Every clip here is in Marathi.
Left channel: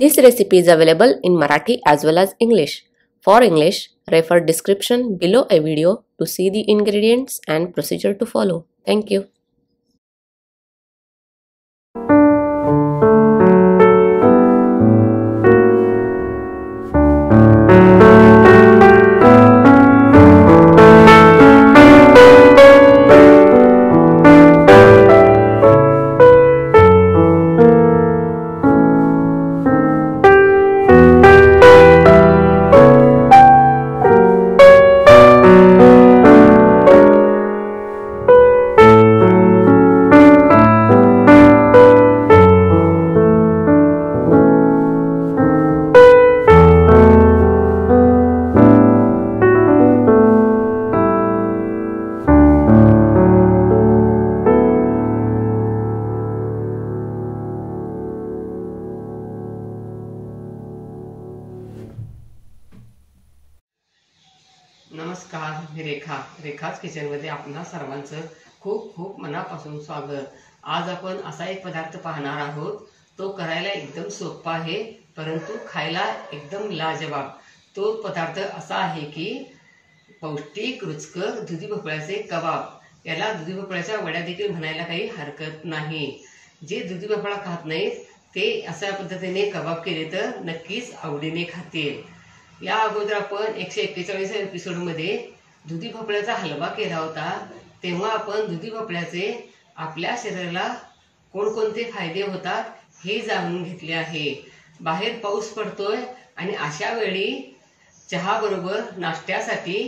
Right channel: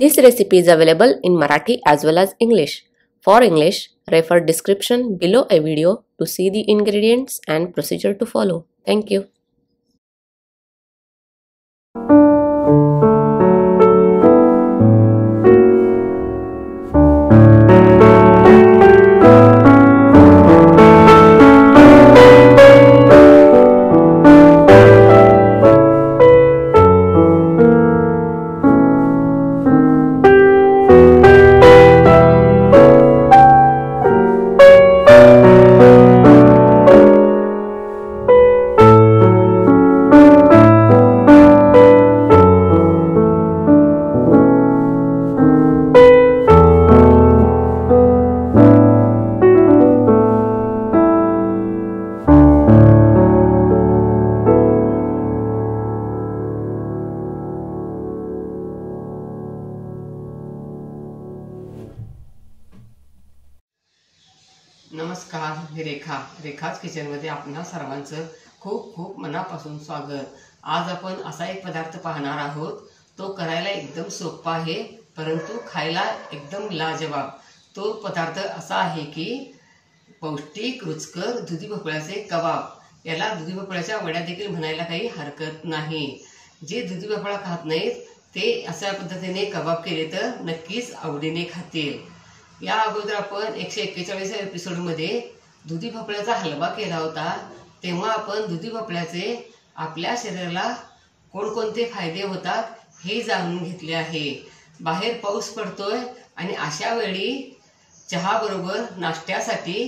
This recipe is available in Marathi as well as English. For English, refer description below a video to see the ingredients and procedure to follow. Thank you. नमस्कार, मी रेखाच किचनमध्ये आपणा सर्वांचं खूप खूप मनापासून स्वागत. आज आपण असा एक पदार्थ पाहणार आहोत. तो करायला एकदम सोपा आहे, परंतु खायला एकदम लाजवाब. तो पदार्थ असा आहे की पौष्टिक रुचकर दुधी भोपळ्याचे कबाब. याला दुधी भोपळ्याच्या वड्या देखील म्हणायला काही हरकत नाही. जे दुधी भोपळा खात नाहीत ते अशा पद्धतीने कबाब केले तर नक्कीच आवडीने खातील. या अगोदर आपण 141 एपिसोडमध्ये दुधी भोपळ्याचा हलवा केला होता. तेव्हा आपण दुधी भोपळ्याचे आपल्या शरीराला कोणकोणते फायदे होतात हे जाणून घेतले आहे. बाहेर पाऊस पडतोय आणि अशा वेळी चहा बरोबर नाश्त्यासाठी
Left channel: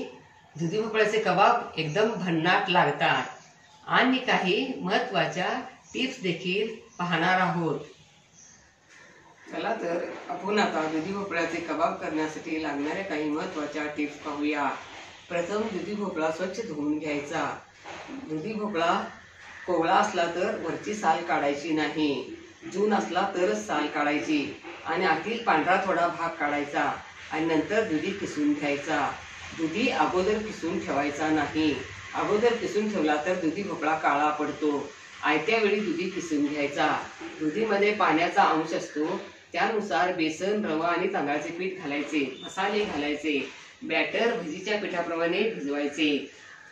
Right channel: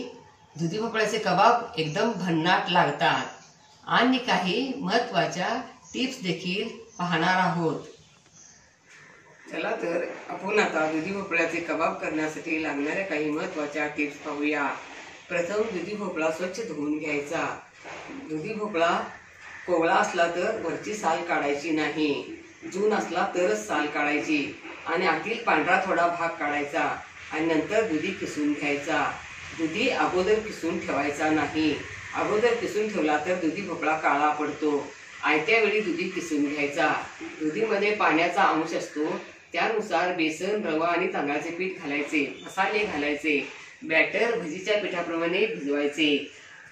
दुधी भोपळ्याचे कबाब एकदम भन्नाट लागतात. आणि काही महत्त्वाच्या टिप्स देखील पाहणार आहोत. चला तर आपण आता दुधी भोपळ्याचे कबाब करण्यासाठी लागणाऱ्या काही महत्त्वाच्या टिप्स पाहूया. प्रथम दुधी भोपळा स्वच्छ धुवून घ्यायचा. दुधी भोपळा कोवळा असला तर वरची साल काढायची नाही. जून असला तरच साल काढायची आणि आतील पांढरा थोडा भाग काढायचा आणि नंतर दुधी किसून घ्यायचा. दुधी अगोदर किसून ठेवायचा नाही. अगोदर किसून ठेवला तर दुधी भोपळा काळा पडतो. आयत्या वेळी दुधी किसून घ्यायचा. दुधीमध्ये पाण्याचा अंश असतो, त्यानुसार बेसन, रवा आणि तांदळाचे पीठ घालायचे. मसाले घालायचे. बॅटर भजीच्या पिठाप्रमाणे भिजवायचे.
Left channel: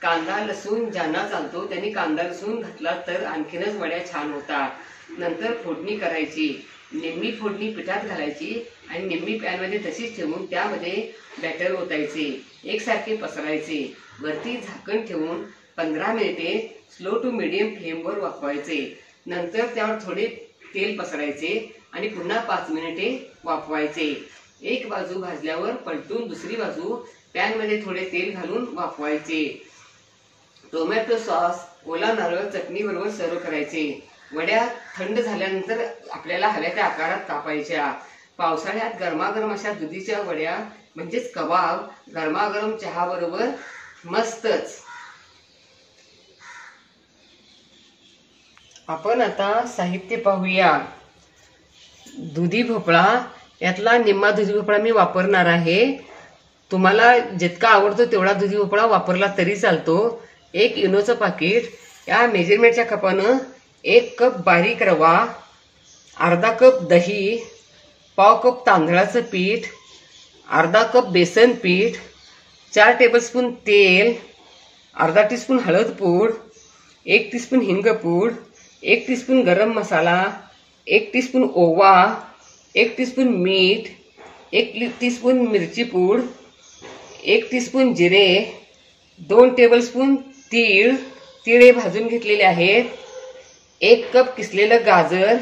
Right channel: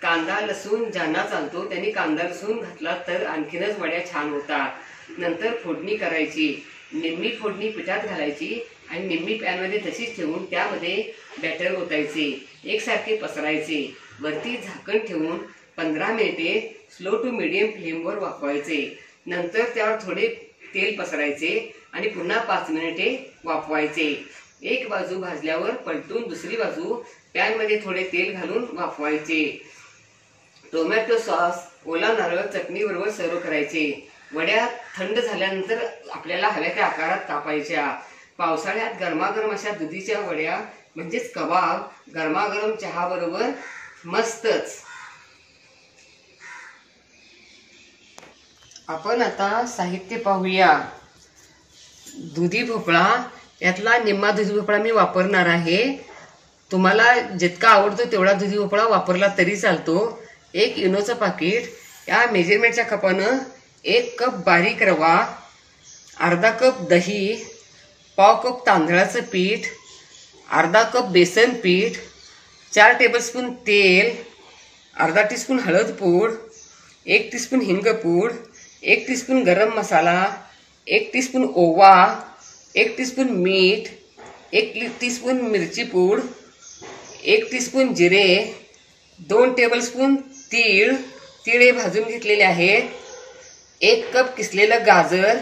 कांदा लसूण ज्यांना चालतो त्यांनी कांदा लसूण घातला तर आणखीनच वड्या छान होतात. नंतर फोडणी करायची. निम्मी फोडणी पिठात घालायची आणि निम्मी पॅनमध्ये तशीच ठेवून त्यामध्ये बॅटर ओतायचे. एकसारखे पसरायचे. वरती झाकण ठेवून 15 मिनिटे स्लो टू मीडियम फ्लेमवर वाफवायचे. नंतर त्यावर थोडे तेल पसरायचे आणि पुन्हा 5 मिनिटे वाफवायचे. एक बाजू भाजल्यावर पलटून दुसरी बाजू पॅनमध्ये थोडे तेल घालून वाफवायचे. टोमॅटो सॉस, ओला नारळ चटणी बरोबर सर्व करायचे. वड्या थंड झाल्यानंतर आपल्याला हव्या त्या आकारात कापायच्या. पावसाळ्यात गरमागरम अशा दुधीच्या वड्या म्हणजेच कबाब गरमागरम चहा बरोबर मस्तच. आपण आता साहित्य पाहूया. दुधी भोपळा, यातला निम्मा दुधी भोपळा मी वापरणार आहे. तुम्हाला जितका आवडतो तेवढा दुधी भोपळा वापरला तरी चालतो. 1 इनोचं पाकिट. या मेजरमेंटच्या कपानं 1 कप बारीक रवा, अर्धा कप दही, पाव कप तांदळाचं पीठ, अर्धा कप बेसन पीठ, 4 टेबलस्पून तेल, अर्धा टीस्पून हळद पूड, 1 टीस्पून हिंगपूड, 1 टीस्पून गरम मसाला, 1 टीस्पून ओवा, 1 टीस्पून मीठ, 1 टीस्पून मिरची पूड, 1 टीस्पून जिरे, 2 टेबलस्पून तीळ हे भाजून घेतलेले आहेत, 1 कप किसलेलं गाजर.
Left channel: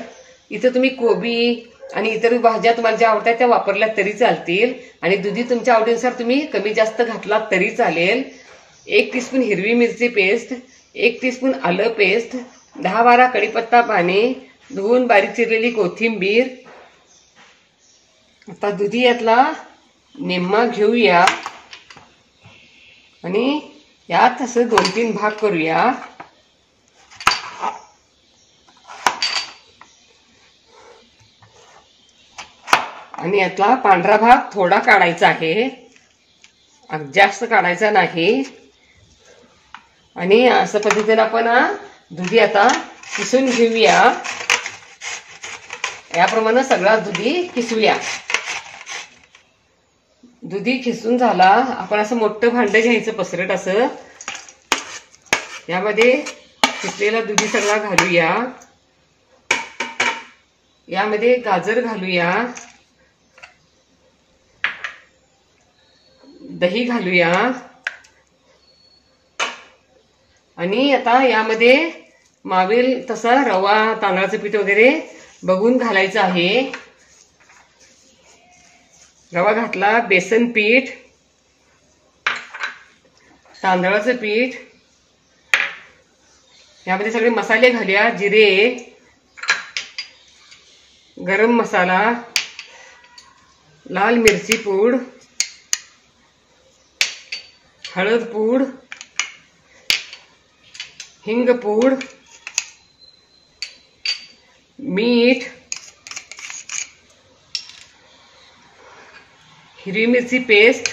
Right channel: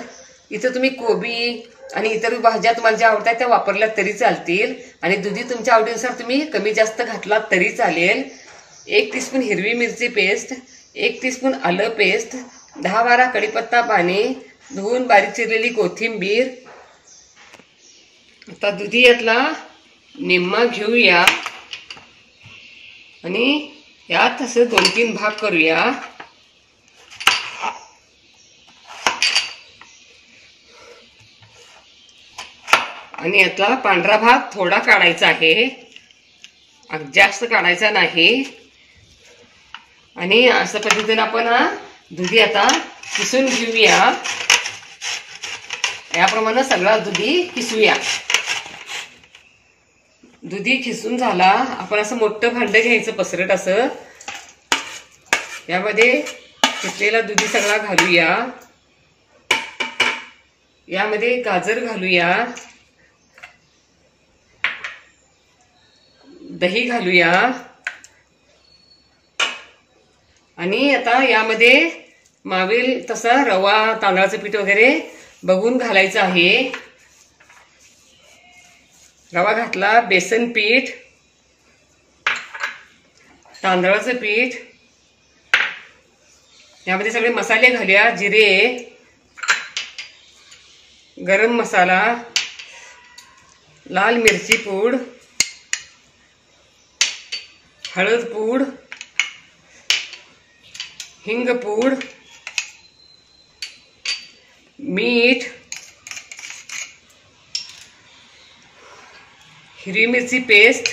इथं तुम्ही कोबी आणि इतर भाज्या तुम्हाला ज्या आवडतात त्या वापरल्या तरी चालतील आणि दुधी तुमच्या आवडीनुसार तुम्ही कमी जास्त घातला तरी चालेल. 1 टीस्पून हिरवी मिरची पेस्ट, 1 टीस्पून आलं पेस्ट, 10-12 कढीपत्ता पाने, धुवून बारीक चिरलेली कोथिंबीर. आता दुधी यातला निम्मा घेऊया आणि यात असं 2-3 भाग करूया. आणि यातला पांढरा भाग थोडा काढायचा आहे, जास्त काढायचा नाही. आणि अशा पद्धतीने आपण दुधी आता किसून घेऊया. याप्रमाणे सगळा दुधी खिसूया. दुधी खिसून झाला. आपण असं मोठं भांड घ्यायचं पसरट असं. यामध्ये खिसलेला दुधी सगळा घालूया. यामध्ये गाजर घालूया, दही घालूया आणि आता यामध्ये मावेल तसा रवा, तांदळाचं पीठ वगैरे बघून घालायचं आहे. रवा घातला, बेसन पीठ, तांदळाचं पीठ, यामध्ये सगळे मसाले घालूया. जिरे, गरम मसाला, लाल मिरची पूड, हळद पूड, हिंग पूड, मीठ, हिरवी मिरची पेस्ट,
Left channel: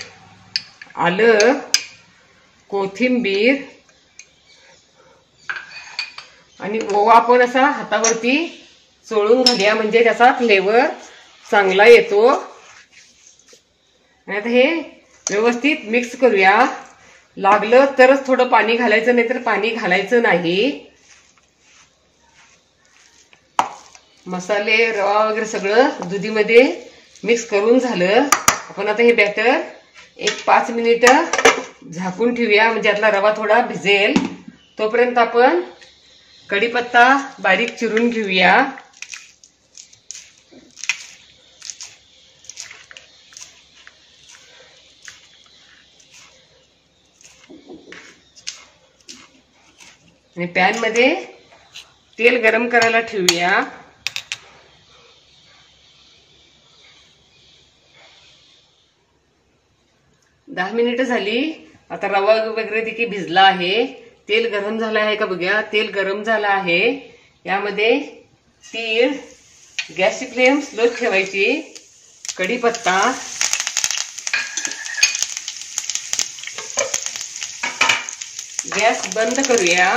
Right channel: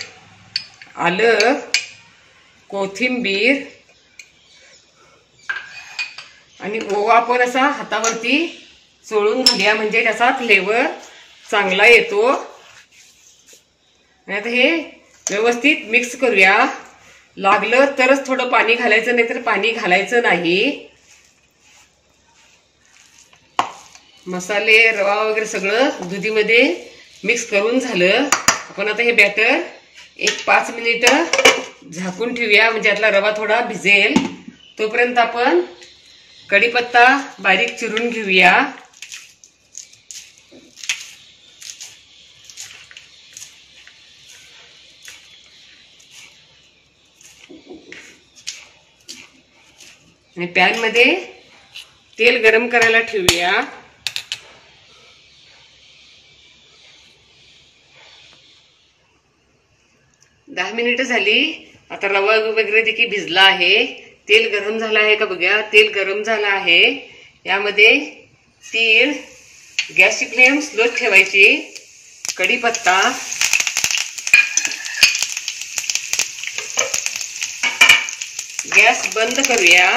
आलं, कोथिंबीर आणि ओवा आपण असा हातावरती चोळून घालूया म्हणजे त्याचा फ्लेवर चांगला येतो. आणि आता हे व्यवस्थित मिक्स करूया. लागलं तरच थोडं पाणी घालायचं, नाही तर पाणी घालायचं नाही. मसाले, रवा वगैरे सगळं दुधीमध्ये मिक्स करून झालं. आपण आता हे बॅटर एक 5 मिनिटं झाकून ठेवूया म्हणजे यातला रवा थोडा भिजेल. तोपर्यंत आपण कढीपत्ता बारीक चिरून घेऊया. आणि पॅन मध्ये तेल गरम करायला ठेवूया. दहा मिनिटं झाली. आता रवा वगैरे देखील भिजला आहे. तेल गरम झालं आहे का बघूया. तेल गरम झालं आहे. यामध्ये तीळ, गॅसची फ्लेम स्लो ठेवायची, कढीपत्ता, गॅस बंद करूया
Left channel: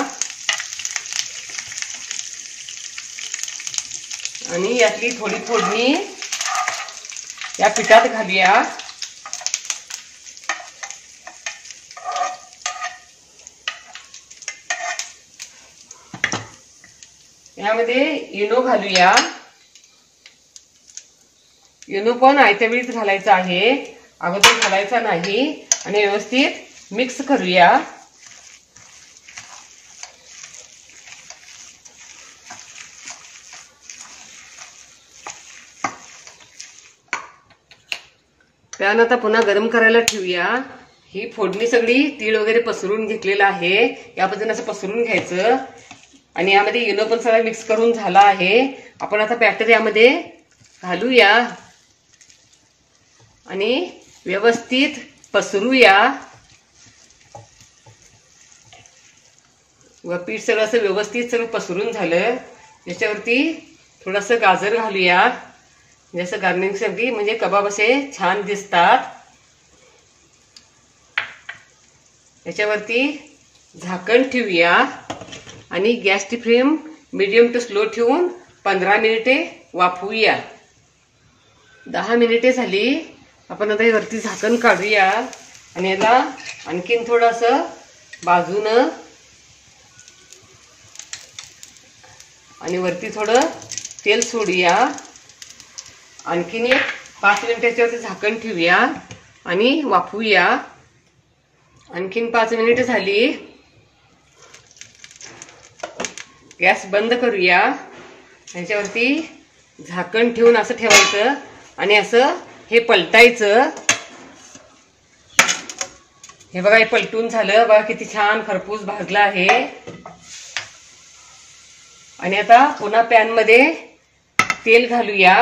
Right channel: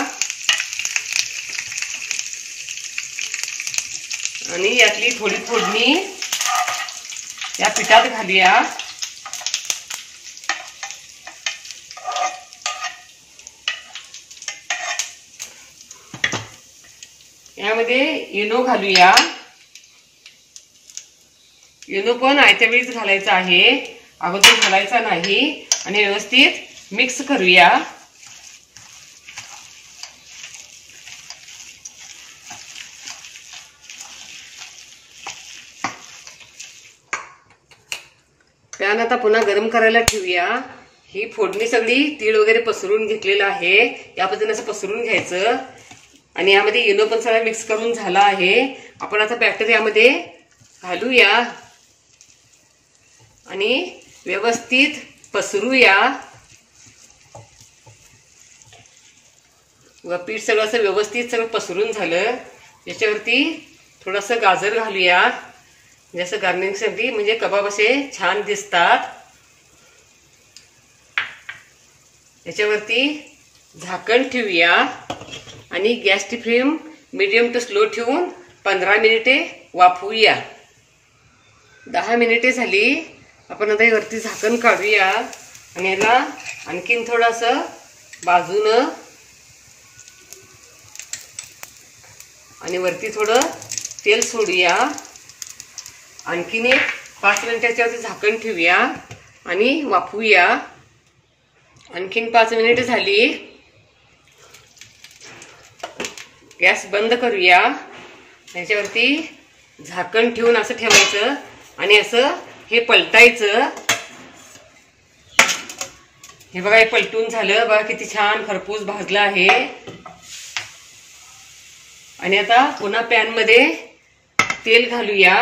आणि यातली थोडी फोडणी या पिठात घालूया. यामध्ये इनो घालूया. इनो पण आयत्या वेळीच घालायचा आहे, अगोदर घालायचा नाही. आणि व्यवस्थित मिक्स करूया. पॅन आता पुन्हा गरम करायला ठेवूया. ही फोडणी सगळी तीळ वगैरे पसरून घेतलेलं आहे. या पद्धतीने असं पसरून घ्यायचं. आणि यामध्ये इनो पण सगळं मिक्स करून झाला आहे. आपण आता बॅटर यामध्ये घालूया आणि व्यवस्थित पसरूया. व पीठ सगळं असं व्यवस्थित सगळं पसरून झालं. याच्यावरती थोडंसं गाजर घालूया जसं गार्निशिंगसाठी, म्हणजे कबाब असे छान दिसतात. याच्यावरती झाकण ठेवूया आणि गॅसची फ्लेम मीडियम टू स्लो ठेवून 15 मिनिटे वाफवूया. 10 मिनिटे झाली. आपण आता वरती झाकण काढूया आणि याला आणखीन थोडंसं बाजूनं आणि वरती थोडं तेल सोडूया. आणखीन एक 5 मिनिटाच्यावरती झाकण ठेवूया आणि वाफवूया. आणखीन 5 मिनिटे झाली. गॅस बंद करूया. याच्यावरती झाकण ठेवून असं ठेवायचं आणि असं हे पलटायचं. हे बघा, हे पलटून झालं. बघा किती छान खरपूस भाजला आहे. आणि आता पुन्हा पॅन मध्ये तेल घालूया.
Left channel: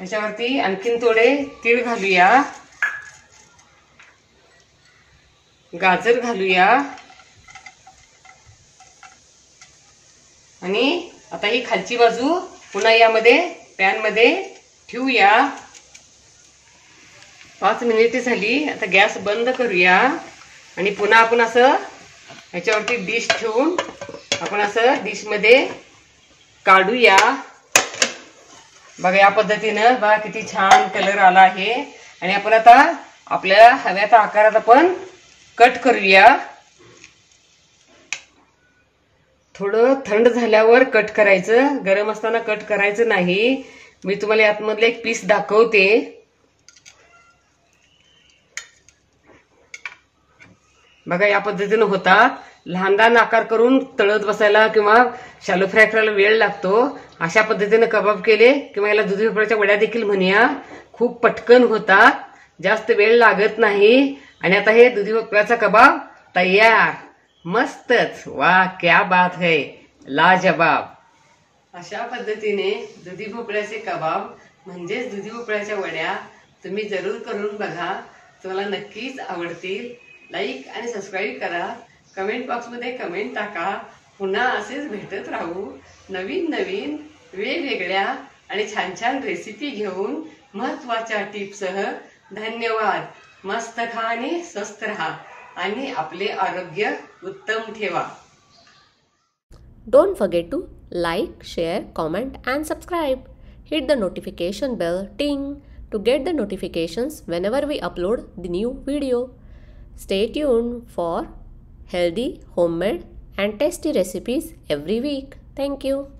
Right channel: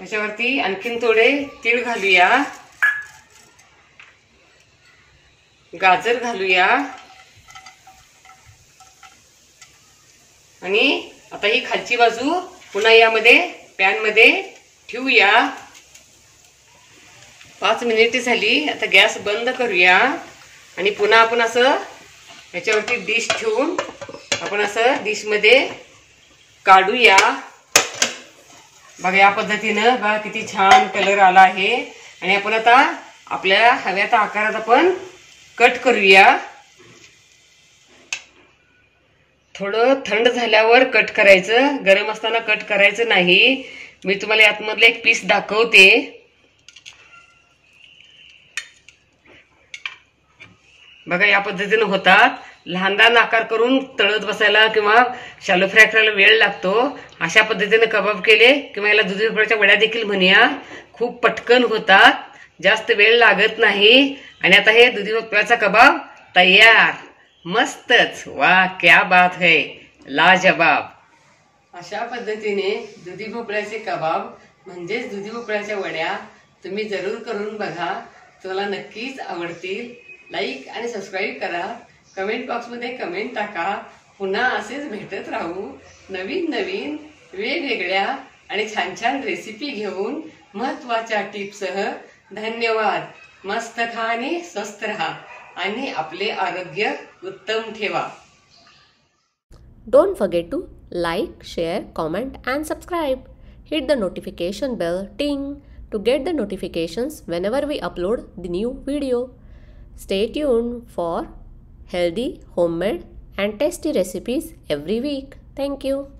याच्यावरती आणखीन थोडे तीळ घालूया, गाजर घालूया आणि आता ही खालची बाजू पुन्हा यामध्ये पॅन मध्ये ठेवूया. 5 मिनिटे झाली. आता गॅस बंद करूया आणि पुन्हा आपण असं ह्याच्यावरती डिश ठेवून आपण असं डिशमध्ये काढूया. बघा या पद्धतीनं बघा किती छान कलर आला आहे. आणि आपण आता आपल्याला हव्या त्या आकारात आपण कट करूया. थोडं थंड झाल्यावर कट करायचं, गरम असताना कट करायचं नाही. मी तुम्हाला यातमधलं एक पीस दाखवते. बघा या पद्धतीने होतात. लहान लहान आकार करून तळत बसायला किंवा शालो फ्राय करायला वेळ लागतो. अशा पद्धतीने कबाब केले किंवा याला दुधी भोपळ्याच्या वड्या देखील म्हणूया. खूप पटकन होतात, जास्त वेळ लागत नाही. आणि आता हे दुधी भोपळ्याचा कबाब तयार. मस्तच. वाह क्या बात है, लाजवाब. अशा पद्धतीने दुधी भोपळ्याचे कबाब म्हणजेच दुधी भोपळ्याच्या वड्या तुम्ही जरूर करून बघा. तुम्हाला नक्कीच आवडतील. लाईक आणि सबस्क्राईब करा. कमेंट बॉक्समध्ये कमेंट टाका. पुन्हा असेच भेटत राहू नवीन नवीन वेगवेगळ्या आणि छान छान रेसिपी घेऊन महत्त्वाच्या टिप्ससह. धन्यवाद. मस्त खा आणि स्वस्थ राहा आणि आपले आरोग्य उत्तम ठेवा. Don't forget to like, share, comment and subscribe. Hit the notification bell ting to get the notifications whenever we upload the new video. Stay tuned for healthy, homemade and tasty recipes every week. Thank you.